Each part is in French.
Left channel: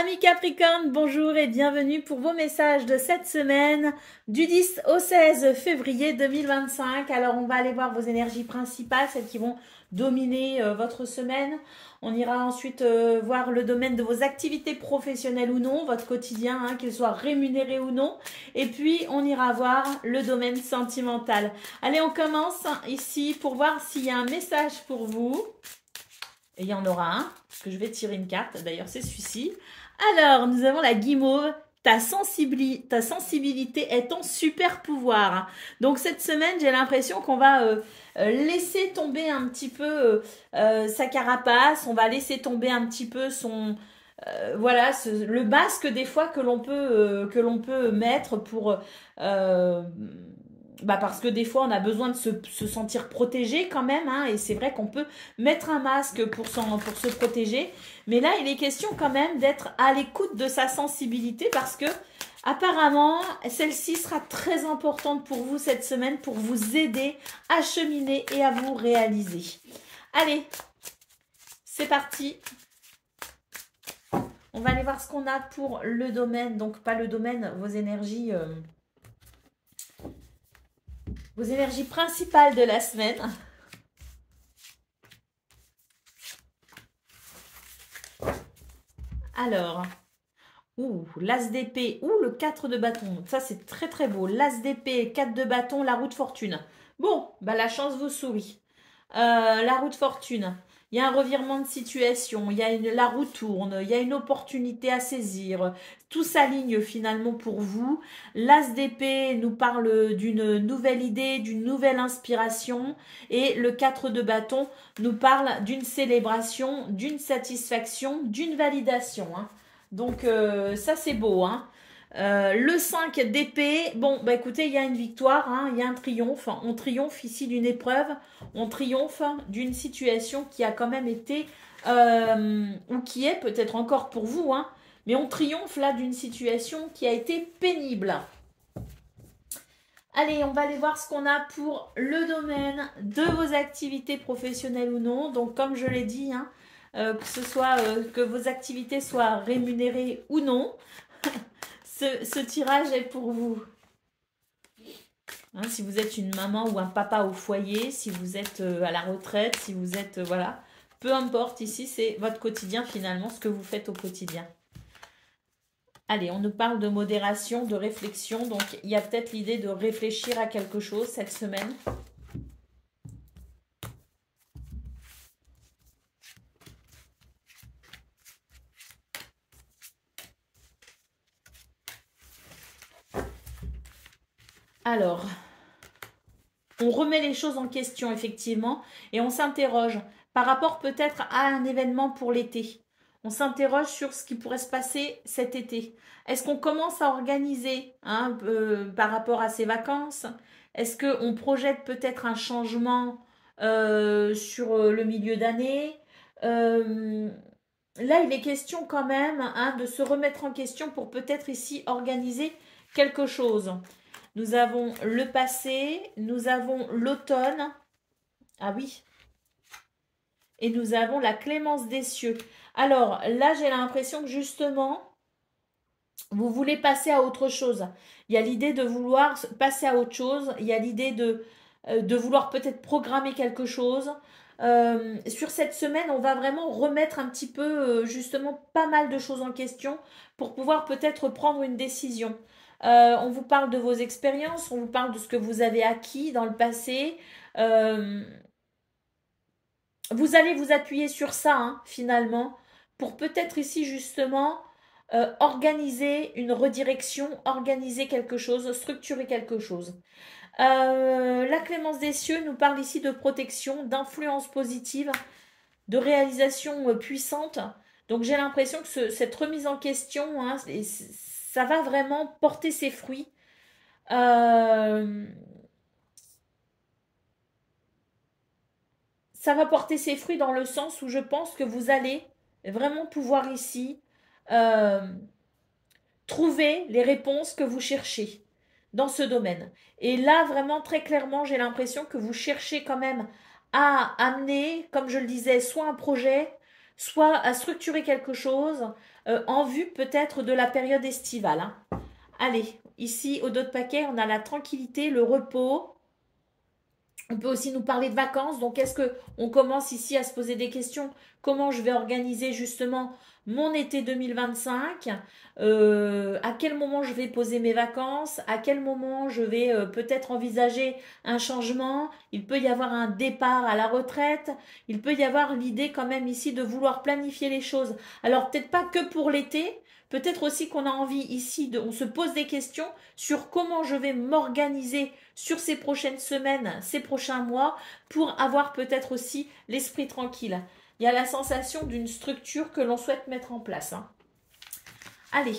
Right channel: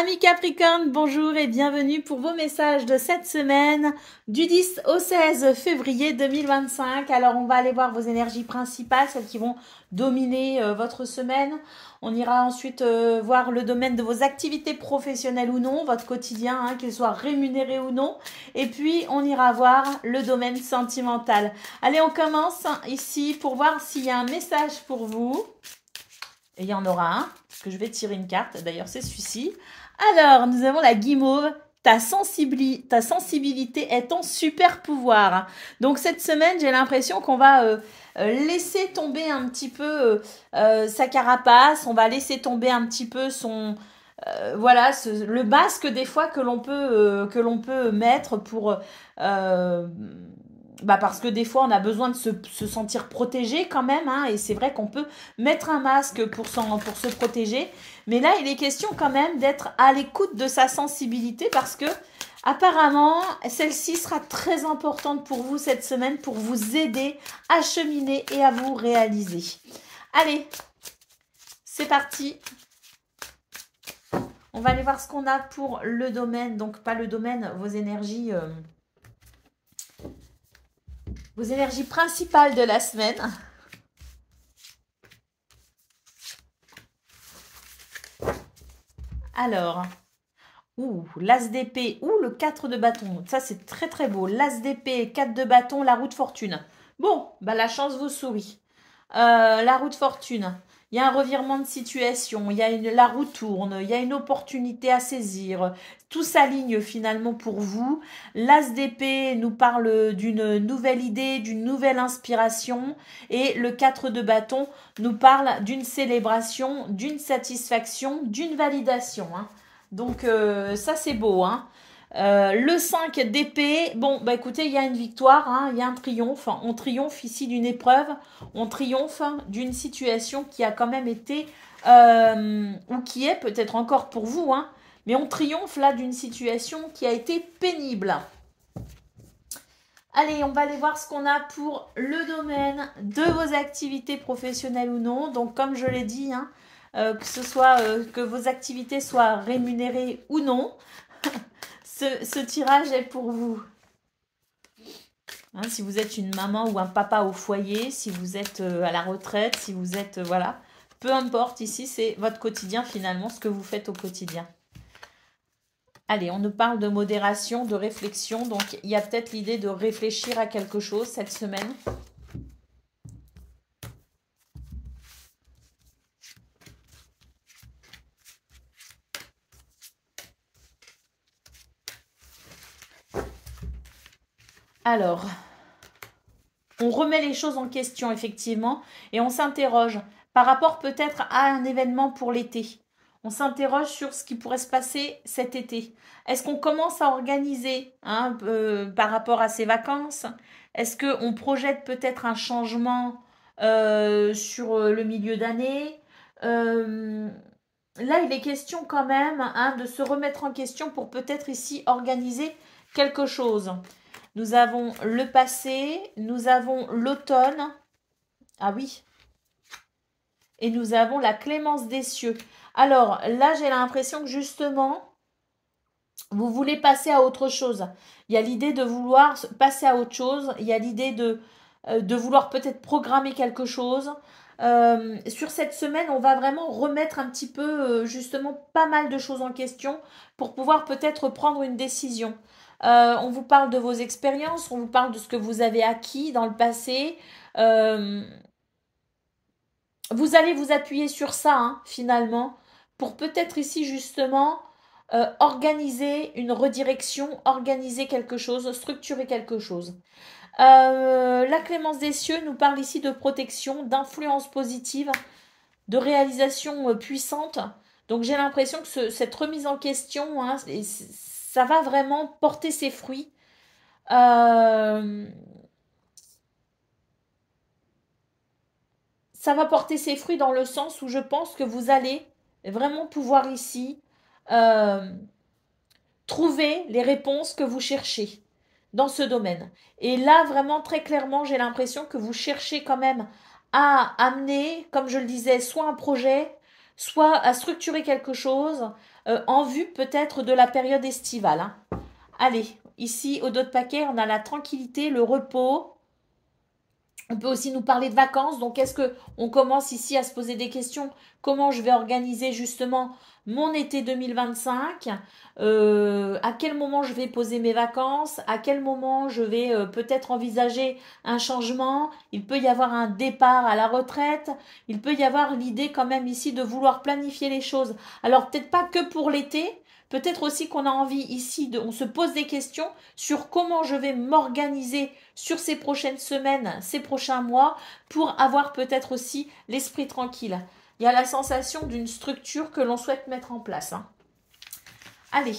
Amis Capricorne, bonjour et bienvenue pour vos messages de cette semaine du 10 au 16 février 2025. Alors on va aller voir vos énergies principales, celles qui vont dominer votre semaine. On ira ensuite voir le domaine de vos activités professionnelles ou non, votre quotidien, qu'elles soient rémunérées ou non. Et puis on ira voir le domaine sentimental. Allez, on commence ici pour voir s'il y a un message pour vous. Et il y en aura un, parce que je vais tirer une carte. D'ailleurs, c'est celui-ci. Alors, nous avons la guimauve. Ta sensibilité est ton super pouvoir. Donc, cette semaine, j'ai l'impression qu'on va laisser tomber un petit peu sa carapace. On va laisser tomber un petit peu son... voilà, le masque des fois que l'on peut mettre pour... parce que des fois, on a besoin de se sentir protégé quand même, et c'est vrai qu'on peut mettre un masque pour se protéger. Mais là, il est question quand même d'être à l'écoute de sa sensibilité parce que, apparemment, celle-ci sera très importante pour vous cette semaine pour vous aider à cheminer et à vous réaliser. Allez, c'est parti. On va aller voir ce qu'on a pour le domaine, donc pas le domaine, vos énergies principales de la semaine. Alors, l'as d'épée, le 4 de bâton. Ça, c'est très très beau. L'as d'épée, 4 de bâton, la roue de fortune. Bon, la chance vous sourit. La roue de fortune. Il y a un revirement de situation, la roue tourne, il y a une opportunité à saisir. Tout s'aligne finalement pour vous. L'as d'épée nous parle d'une nouvelle idée, d'une nouvelle inspiration. Et le 4 de bâton nous parle d'une célébration, d'une satisfaction, d'une validation. Donc ça c'est beau. Le 5 d'épée, écoutez, il y a une victoire, il y a un triomphe. On triomphe ici d'une épreuve, on triomphe d'une situation qui a quand même été, ou qui est peut-être encore pour vous, mais on triomphe là d'une situation qui a été pénible. Allez, on va aller voir ce qu'on a pour le domaine de vos activités professionnelles ou non. Donc comme je l'ai dit, que ce soit que vos activités soient rémunérées ou non. Ce tirage est pour vous. Si vous êtes une maman ou un papa au foyer, si vous êtes à la retraite, si vous êtes... voilà. Peu importe, ici, c'est votre quotidien finalement, ce que vous faites au quotidien. Allez, on nous parle de modération, de réflexion. Donc, il y a peut-être l'idée de réfléchir à quelque chose cette semaine. Alors, on remet les choses en question, effectivement, et on s'interroge par rapport peut-être à un événement pour l'été. On s'interroge sur ce qui pourrait se passer cet été. Est-ce qu'on commence à organiser par rapport à ces vacances? Est-ce qu'on projette peut-être un changement sur le milieu d'année? Là, il est question quand même de se remettre en question pour peut-être ici organiser quelque chose. Nous avons le passé, nous avons l'automne. Ah oui. Et nous avons la clémence des cieux. Alors là, j'ai l'impression que justement, vous voulez passer à autre chose. Il y a l'idée de vouloir passer à autre chose. Il y a l'idée de vouloir peut-être programmer quelque chose. Sur cette semaine, on va vraiment remettre un petit peu, justement, pas mal de choses en question pour pouvoir peut-être prendre une décision. On vous parle de vos expériences, on vous parle de ce que vous avez acquis dans le passé. Vous allez vous appuyer sur ça, finalement, pour peut-être ici, justement, organiser une redirection, organiser quelque chose, structurer quelque chose. La clémence des cieux nous parle ici de protection, d'influence positive, de réalisation puissante. Donc j'ai l'impression que cette remise en question, ça va vraiment porter ses fruits. Ça va porter ses fruits dans le sens où je pense que vous allez vraiment pouvoir ici trouver les réponses que vous cherchez dans ce domaine. Et là, vraiment, très clairement, j'ai l'impression que vous cherchez quand même à amener, comme je le disais, soit un projet, soit à structurer quelque chose, en vue peut-être de la période estivale. Hein. Allez, ici, au dos de paquet, on a la tranquillité, le repos. On peut aussi nous parler de vacances. Donc, est-ce qu'on commence ici à se poser des questions? Comment je vais organiser justement mon été 2025? À quel moment je vais poser mes vacances? À quel moment je vais peut-être envisager un changement? Il peut y avoir un départ à la retraite. Il peut y avoir l'idée quand même ici de vouloir planifier les choses. Alors, peut-être pas que pour l'été. Peut-être aussi qu'on a envie ici, on se pose des questions sur comment je vais m'organiser sur ces prochaines semaines, ces prochains mois, pour avoir peut-être aussi l'esprit tranquille. Il y a la sensation d'une structure que l'on souhaite mettre en place. Hein. Allez.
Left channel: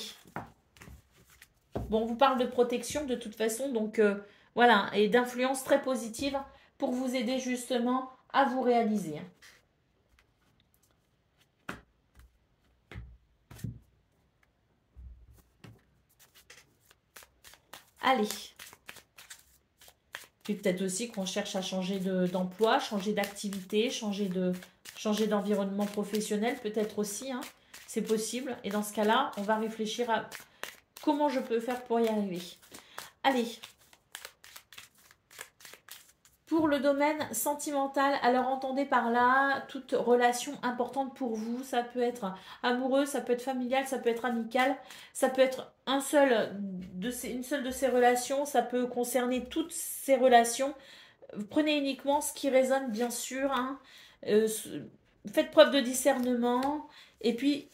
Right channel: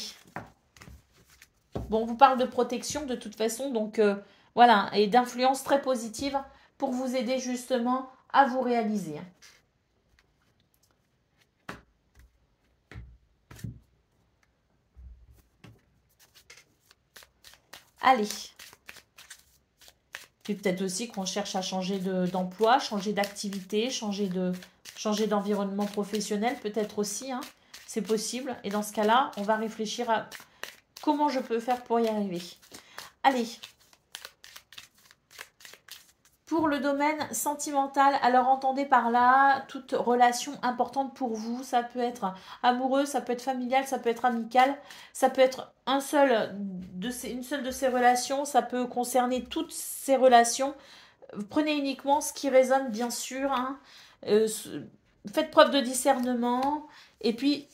Bon, on vous parle de protection de toute façon, donc voilà, et d'influence très positive pour vous aider justement à vous réaliser. Allez. Puis peut-être aussi qu'on cherche à changer d'emploi, changer d'activité, changer d'environnement professionnel, peut-être aussi, hein, c'est possible. Et dans ce cas-là, on va réfléchir à comment je peux faire pour y arriver. Allez. Pour le domaine sentimental, alors entendez par là toute relation importante pour vous. Ça peut être amoureux, ça peut être familial, ça peut être amical, ça peut être une seule de ces relations, ça peut concerner toutes ces relations. Prenez uniquement ce qui résonne, bien sûr. Hein. Faites preuve de discernement et puis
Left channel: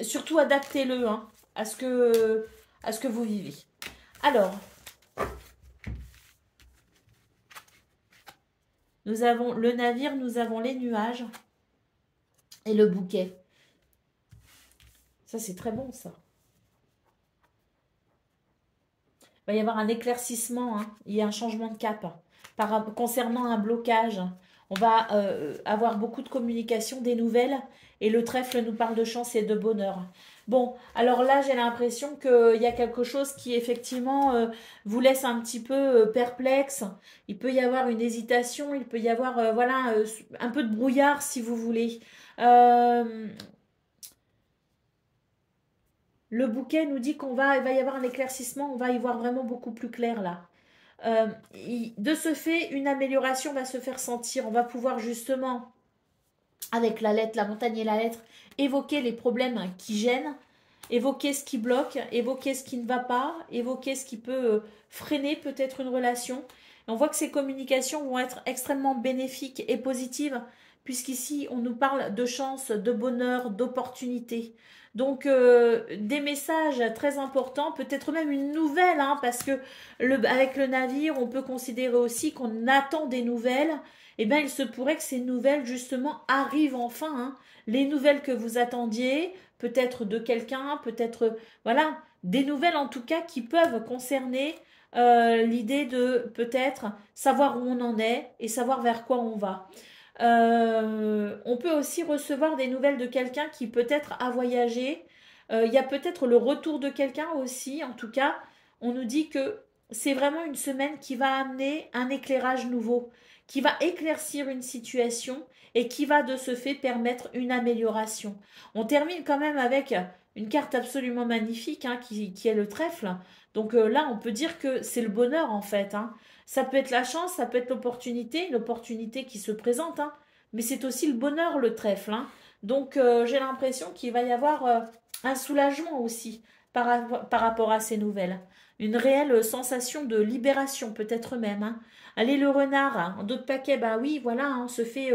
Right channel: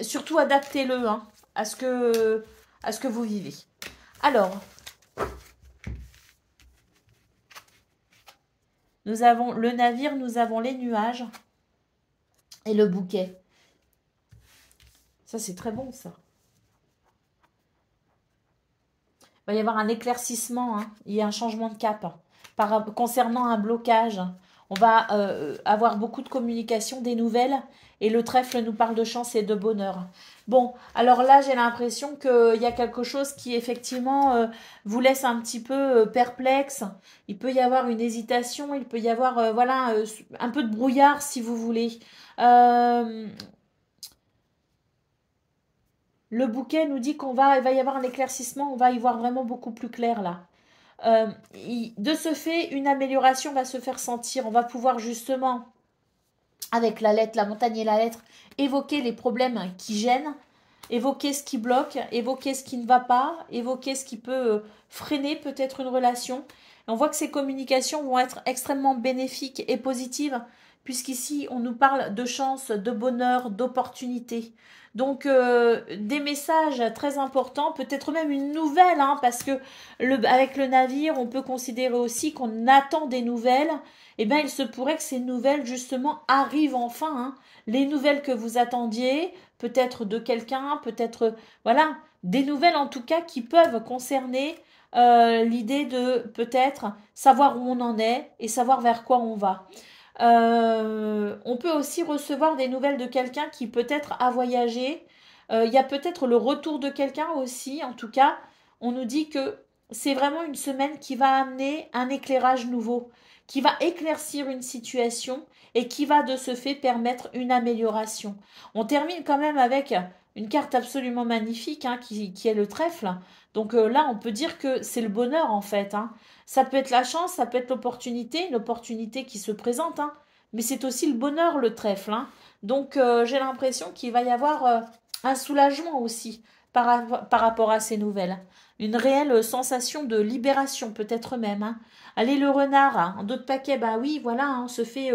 surtout adaptez-le hein, à ce que vous vivez. Alors, nous avons le navire, nous avons les nuages et le bouquet. Ça, c'est très bon, ça. Il va y avoir un éclaircissement, hein. Il y a un changement de cap. Concernant un blocage, on va avoir beaucoup de communication, des nouvelles. Et le trèfle nous parle de chance et de bonheur. Bon, alors là, j'ai l'impression qu'il y a quelque chose qui, effectivement, vous laisse un petit peu perplexe. Il peut y avoir une hésitation, il peut y avoir, voilà, un peu de brouillard, si vous voulez. Le bouquet nous dit il va y avoir un éclaircissement, on va y voir vraiment beaucoup plus clair, là. De ce fait, une amélioration va se faire sentir. On va pouvoir justement, avec la lettre, la montagne et la lettre, évoquer les problèmes qui gênent, évoquer ce qui bloque, évoquer ce qui ne va pas, évoquer ce qui peut freiner peut-être une relation. Et on voit que ces communications vont être extrêmement bénéfiques et positives, puisqu'ici, on nous parle de chance, de bonheur, d'opportunité. Donc, des messages très importants, peut-être même une nouvelle, hein, parce que avec le navire, on peut considérer aussi qu'on attend des nouvelles. Eh bien, il se pourrait que ces nouvelles, justement, arrivent enfin. Hein. Les nouvelles que vous attendiez, peut-être de quelqu'un, peut-être, voilà, des nouvelles en tout cas qui peuvent concerner l'idée de peut-être savoir où on en est et savoir vers quoi on va. On peut aussi recevoir des nouvelles de quelqu'un qui peut-être a voyagé. Il y a peut-être le retour de quelqu'un aussi. En tout cas, on nous dit que c'est vraiment une semaine qui va amener un éclairage nouveau, qui va éclaircir une situation et qui va de ce fait permettre une amélioration. On termine quand même avec une carte absolument magnifique hein, qui est le trèfle. Donc là, on peut dire que c'est le bonheur en fait. Hein. Ça peut être la chance, ça peut être l'opportunité qui se présente, hein, mais c'est aussi le bonheur, le trèfle. Hein. Donc j'ai l'impression qu'il va y avoir un soulagement aussi par rapport à ces nouvelles. Une réelle sensation de libération peut-être même. Hein. Allez, le renard, hein, en d'autres paquets, bah oui, voilà, hein, on se fait...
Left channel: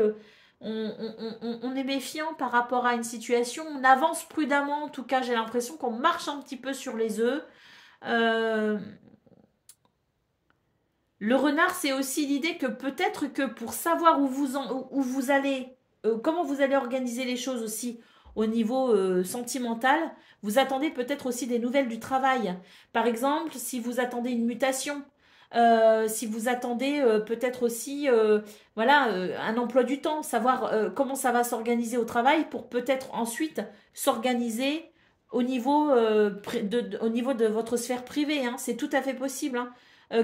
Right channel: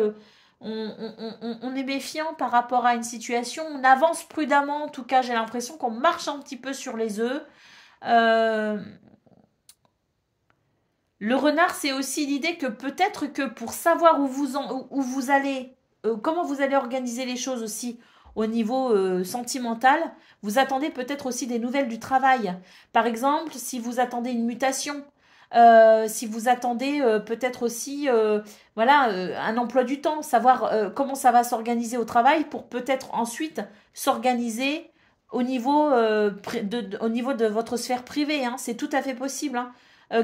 on est méfiant par rapport à une situation, on avance prudemment, en tout cas j'ai l'impression qu'on marche un petit peu sur les œufs. Le renard, c'est aussi l'idée que peut-être que pour savoir où vous allez, comment vous allez organiser les choses aussi au niveau sentimental, vous attendez peut-être aussi des nouvelles du travail. Par exemple, si vous attendez une mutation, si vous attendez peut-être aussi voilà, un emploi du temps, savoir comment ça va s'organiser au travail pour peut-être ensuite s'organiser au niveau de votre sphère privée. Hein. C'est tout à fait possible. Hein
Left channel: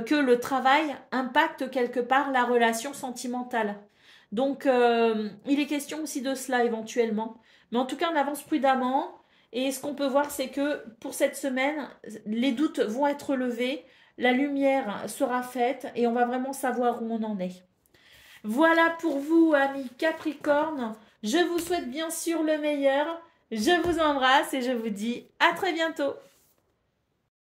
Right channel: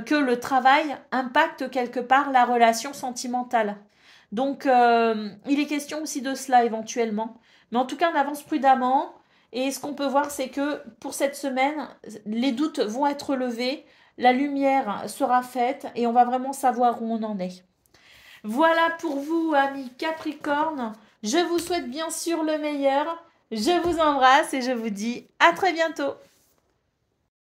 que le travail impacte quelque part la relation sentimentale. Donc, il est question aussi de cela éventuellement. Mais en tout cas, on avance prudemment. Et ce qu'on peut voir, c'est que pour cette semaine, les doutes vont être levés, la lumière sera faite et on va vraiment savoir où on en est. Voilà pour vous, amis Capricorne. Je vous souhaite bien sûr le meilleur. Je vous embrasse et je vous dis à très bientôt.